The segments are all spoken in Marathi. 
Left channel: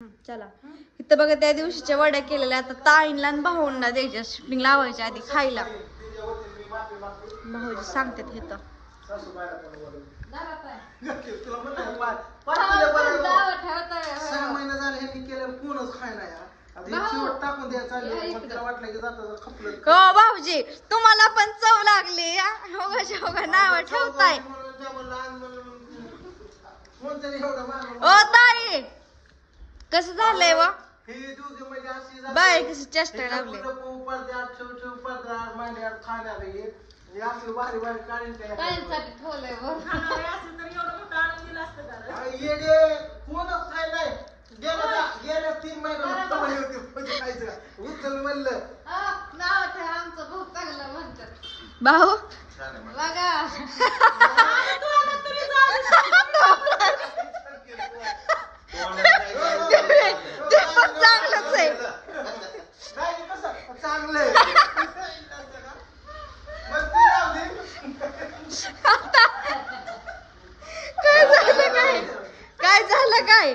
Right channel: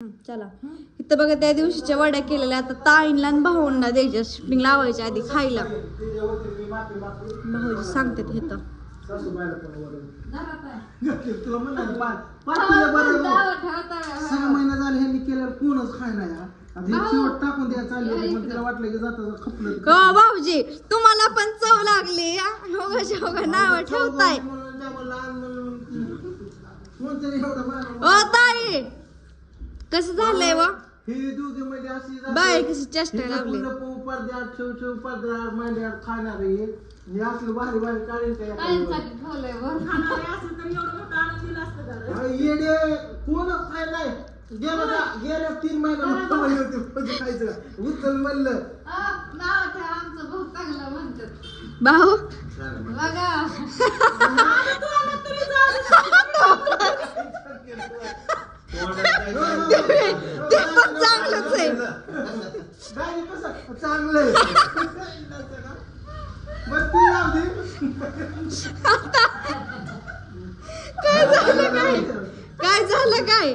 चला इथं बघा त्या दिवशीच्या वड्या केलेल्या आता ताईंला आणि भाऊंना द्यायच्या शूटिंग लावायच्या आधी खायला. भाऊजी सांगतात हे तर तुला म्हणलं 6 महिने झाले ह्यांनी केल्यावर कोणच खायला आता हे शेवट टाकून द्या चालले मग तिला वाटलं की जाता खपलं. हो भाऊजी तुम्हाला पण चव लागली नाव ठेवताय. ओ ताई कसं झालंय व हे दोघे म्हणजे अशी बाय कशी चेष्टा लावली पडद्यात ठेव पडद्यात मांड्यात खाणार हे असलं भारी भारी काढून येडे कोणच खायलाय गेल्या 3 महिन्यात खायचं उचल म्हणलं भाऊ ते पण चांगलंच आहे चांगलंय काय झालं काय झालं काय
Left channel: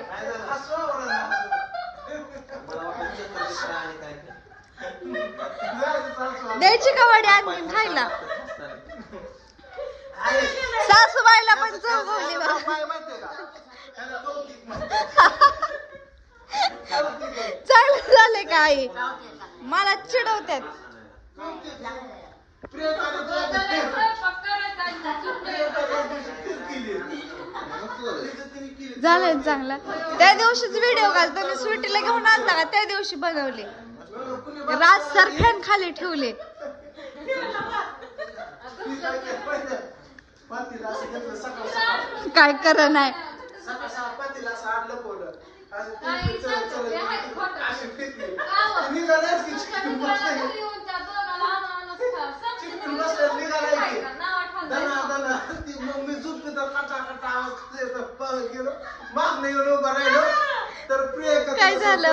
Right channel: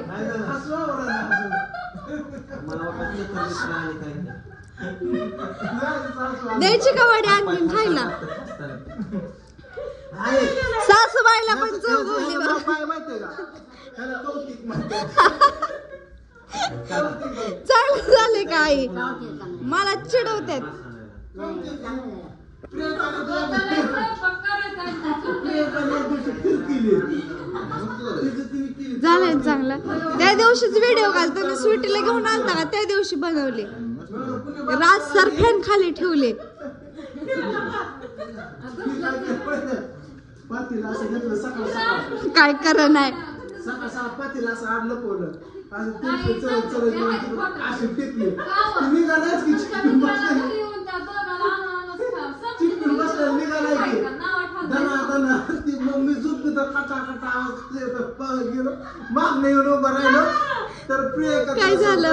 द्यायची का वडी आणखीन खायला. सासूबाईला पण चौगवली चांगलं झालंय का आई मला चिडवतात. झालं चांगलं. त्या दिवशीच व्हिडिओ काढताना स्वीटीला घेऊन आलता का त्या दिवशी बनवले राज सर फॅन खाली ठेवले. काय कर नाही पातीला असं आणलं पोलं मी झोप कटा कटा गेलो माग नाही उभं राहिलो तर काय झालं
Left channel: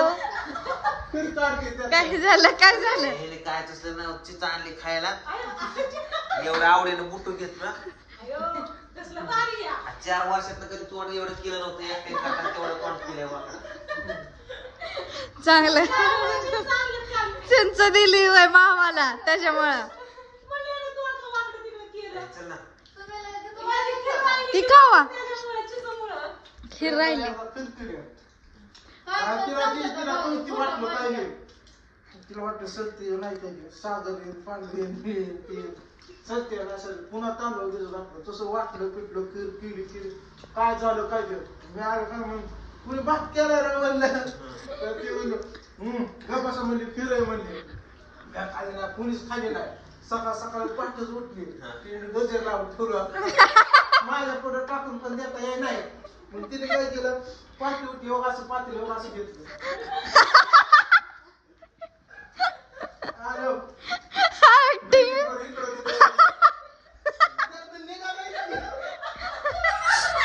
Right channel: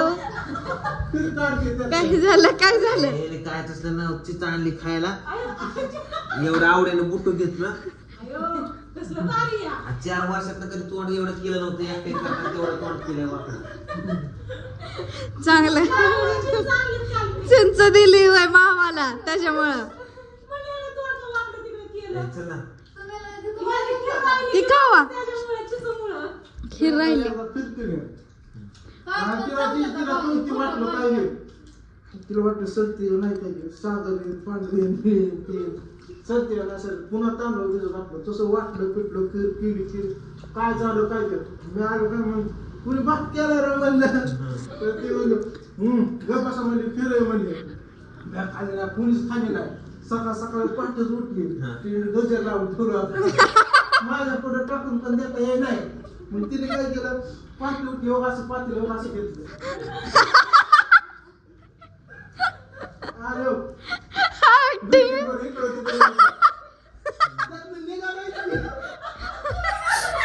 काय झालं काय झालं काय तसलं ना चिचा आणली खायला एवढं आवडीनं बुटू घेत ना 4 वर्षात कधी तोंड एवढंच केलं नव्हतं एकट्या करता तेवढं तोंड केलं वाकडा चांगलं चिंच दिली वय मामाला त्याच्यामुळं ती खावा खीर राहिली तिला वाटलं सरती नाही पाहिजे सागर पांढरी सरती पुन्हा तांदूळ घातलं तसं वाटलं पिटलं खीर पिली खीर काय झालं काय केलं मी आलो का मग कुणी भात केला रे म्हणलं ते म्हणलं गपासून म्हणजे खीर आहे म्हणले कुणीच खाली नाही सकाळ सकाळी पहाटेच उठली गजर लावून ठेवलं माझ्या पुढे टाकून पण देता येई नाही मग तिने काय केलं पाठी उठली हो असं पातील हो असं घेतलं आलो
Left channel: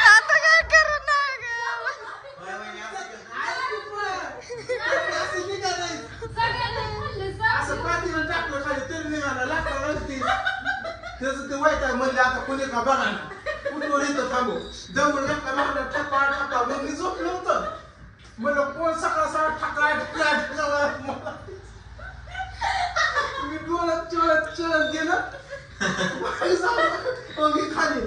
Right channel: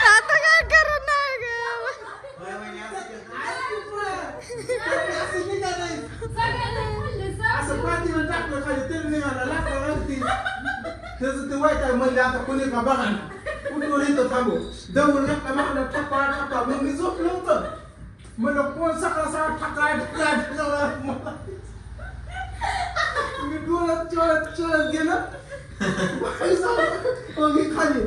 आता काय करू नाही असं पाठीवर टाकलं खाली तरी निघाला लाकडं लागती त्याचं ते वाईट आहे म्हणजे आता कोणी का बघा ना कुठवर येतं थांबू दमून एका लागलं ठका ठका मग मी झोपलो होतं म्हणलं कोण सकाळ सकाळ ठका ठका मी डोळ्यात चळत गेलं मी खाली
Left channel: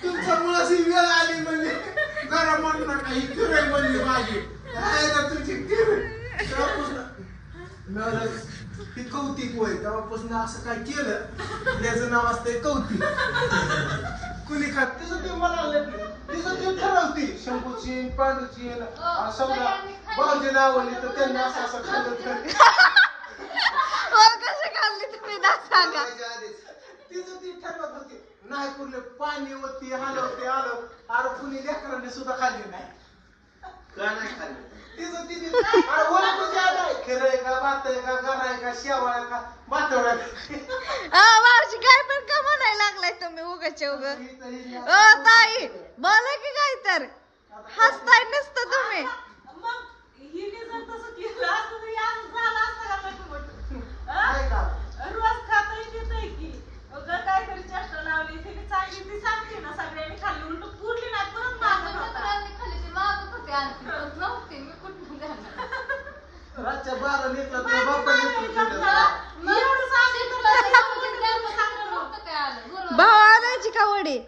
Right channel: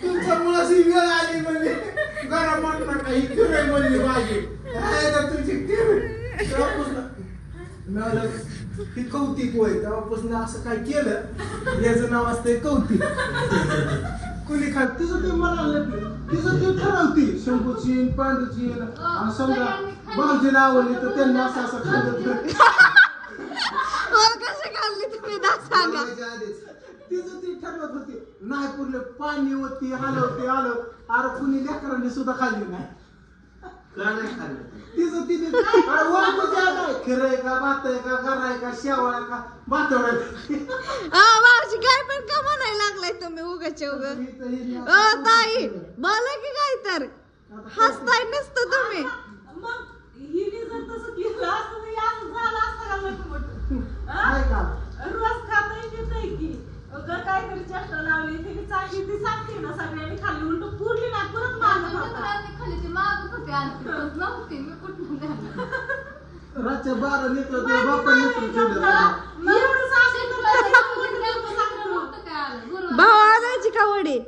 तुमच्यामुळे वेळ आली म्हणजे घरा म्हटलं नका ही किराय बनली माझी तुमची ही कौतिक होय तेव्हापासून असं काय केलं याचं नाव असतंय कौतिक कुणी काय तिचं ते मला तिचं ते ठरवती शंभूची पांडूची समजा भाऊजीला आवडली तर त्यांनी असं असं खाल्लं कसं खाल्ली तुम्ही ना सांगा तिचं ती ठरवत होती नाही पुरले पाणी होती हलवते आलं अरे कुणी लेकरांनी सुद्धा खाल्ली नाही तिचं तिथे खरंय का बात आहे का गराय का शेवाळ का बातवड मावशी काय पण का म्हणायला लागलाय तुम्ही उगाच्या उगा ताई बोला की काय तर हसताय नसतं तुम्ही रातच्या 12 लेकरं तुझ्या बापाने लेकरं ठेवलं भाऊ आणायची का वडे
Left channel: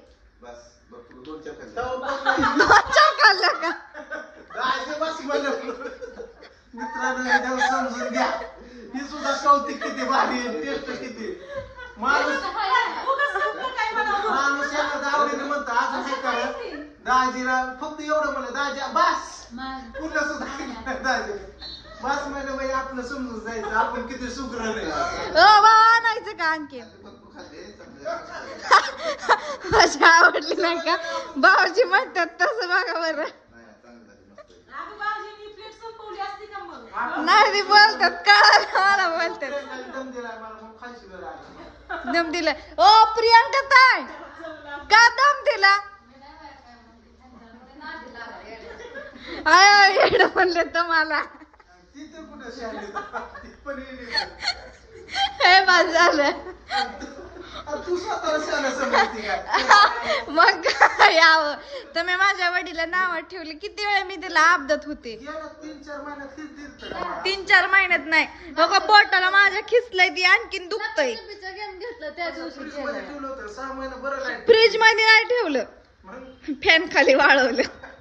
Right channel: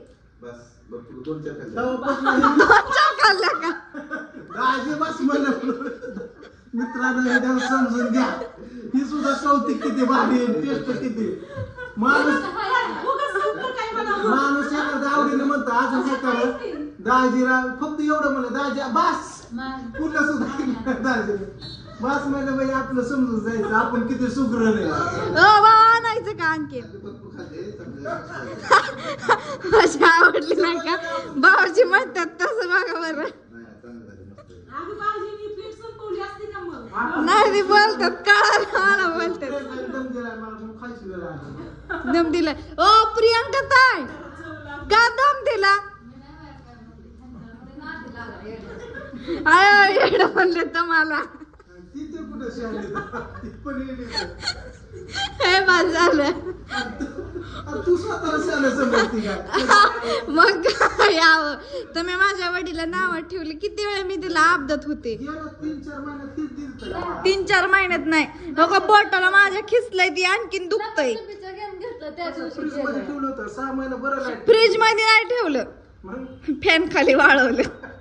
बस बघ तू 2 चक्कर दोन खाल्ल्या का राजे बस म्हणलं मित्रांनो हे देव समजून घ्या ही सुद्धा कौतिक किती भारी आहे टेस्ट किती माणूस याला आवडीने म्हणतो अजून काय करा दाजीला फक्त एवढं म्हणलं दाजी बस पुन्हा सुद्धा दाजी बस म्हणलं म्हणजे आपलं समजून जायचं आपण किती सुग्रण आहे भाऊ आणायचं का आणखी माझी आवडली नाही का भाऊजी म्हणतात तसं बघा बरं नाही बोलतात का मला बोलतात दम दिलाय मला मग खायची वेळ आली दम दिला ओ प्रियांका ताई का दम दिला म्हणलं तुम्हाला तिथे कुठं शाळेत ती पण येईल हे बस झालं तू स्वतःला शाळा समजती काय मग काय यावं तुम्ही माझ्या वडीला नाव ठेवले किती वेळा मी तिला अपदत होते गेल्या 3-4 महिन्यात तीच दिसतं का मला? 3-4 महिन्यात नाही नको पोटाला माझ्या खिचलंय ती आणखीन दुखतय असं फ्रीज मध्ये ठेवलं होतं 6 महिने बरं नाही फ्रीज मध्ये नाही ठेवलं मग फॅन खाली वाळवलं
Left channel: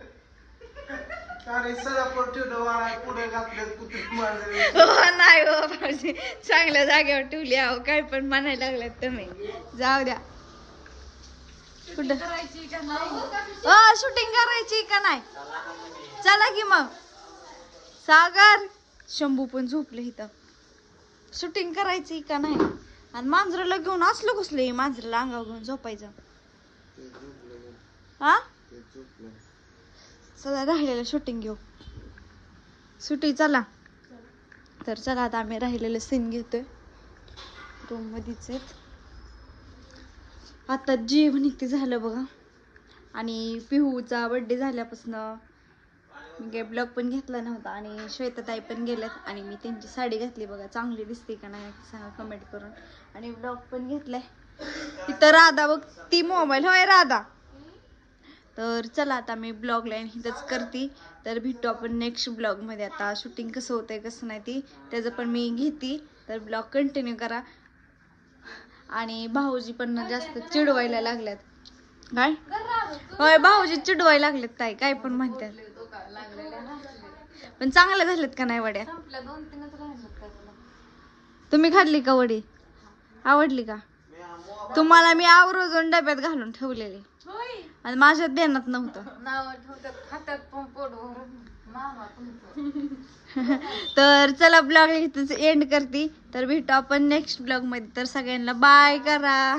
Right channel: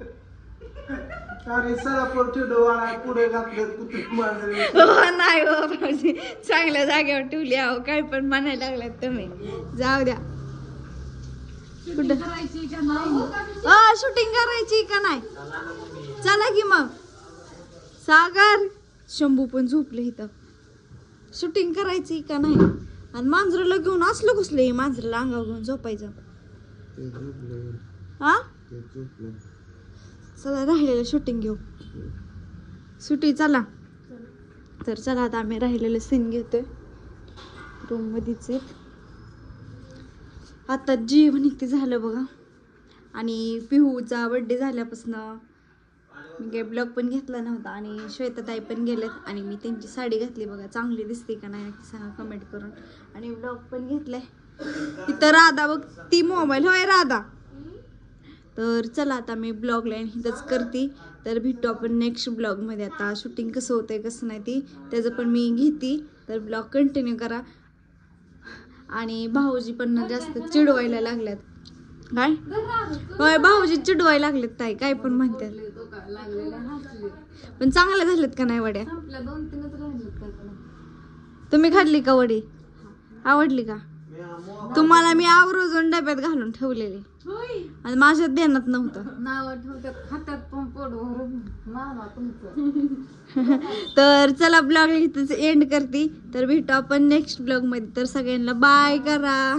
अरे सरापर ठेवलं वाळा पुढे घातलं कुठे मांडलं नाही हो भाऊजी चांगल्या जागेवर ठेवली आहो काय पण म्हणायला लागलात तुम्ही जाऊ द्या कुठं शूटिंग करायची का नाही चला की मग सागर शंभू पण झोपले इथं शूटिंग करायची का नाही आणि मांजराला घेऊन असलं कसलं मांजराला अंगावर घेऊन झोपायचं हा चला राहिलेलं शूटिंग घेऊ सुटी चला तर चला आता आम्ही राहिलेलं सीन घेतोय रूम मध्येच आहेत आता जेवण इथे झालं बघा आणि पिहूचा बर्थडे झाल्यापासून मी ब्लॉग पण घेतला नव्हता आणि श्वेताताई पण गेल्यात आणि मी त्यांची साडी घातली बघा चांगली दिसते का नाही सांगा कमेंट करून आणि ब्लॉग पण घेतलाय तिथं राधा बघ ती मोबाईल होय राधा तर चला आता मी ब्लॉग लाईन इथंच करते तर भेटू आपण नेक्स्ट ब्लॉग मध्ये आता शूटिंग कसं होतंय कसं नाही ती त्याचं पण मी घेते तर ब्लॉग कंटिन्यू करा आणि भाऊजी पण जास्त चिडवायला लागल्यात काय होय भाऊजी चिडवायला लागलेत ताई काय पण म्हणतात पण चांगल्या झालेत का नाही वड्या तुम्ही खाल्ली का वडी आवडली का तुम्हाला मी आवर्जून डब्यात घालून ठेवलेली आणि माझ्यात देण्यात नव्हतं तर चला ब्लॉग इथंच एंड करते तर भेटू आपण नेक्स्ट ब्लॉग मध्ये तर सगळ्यांना बाय करा.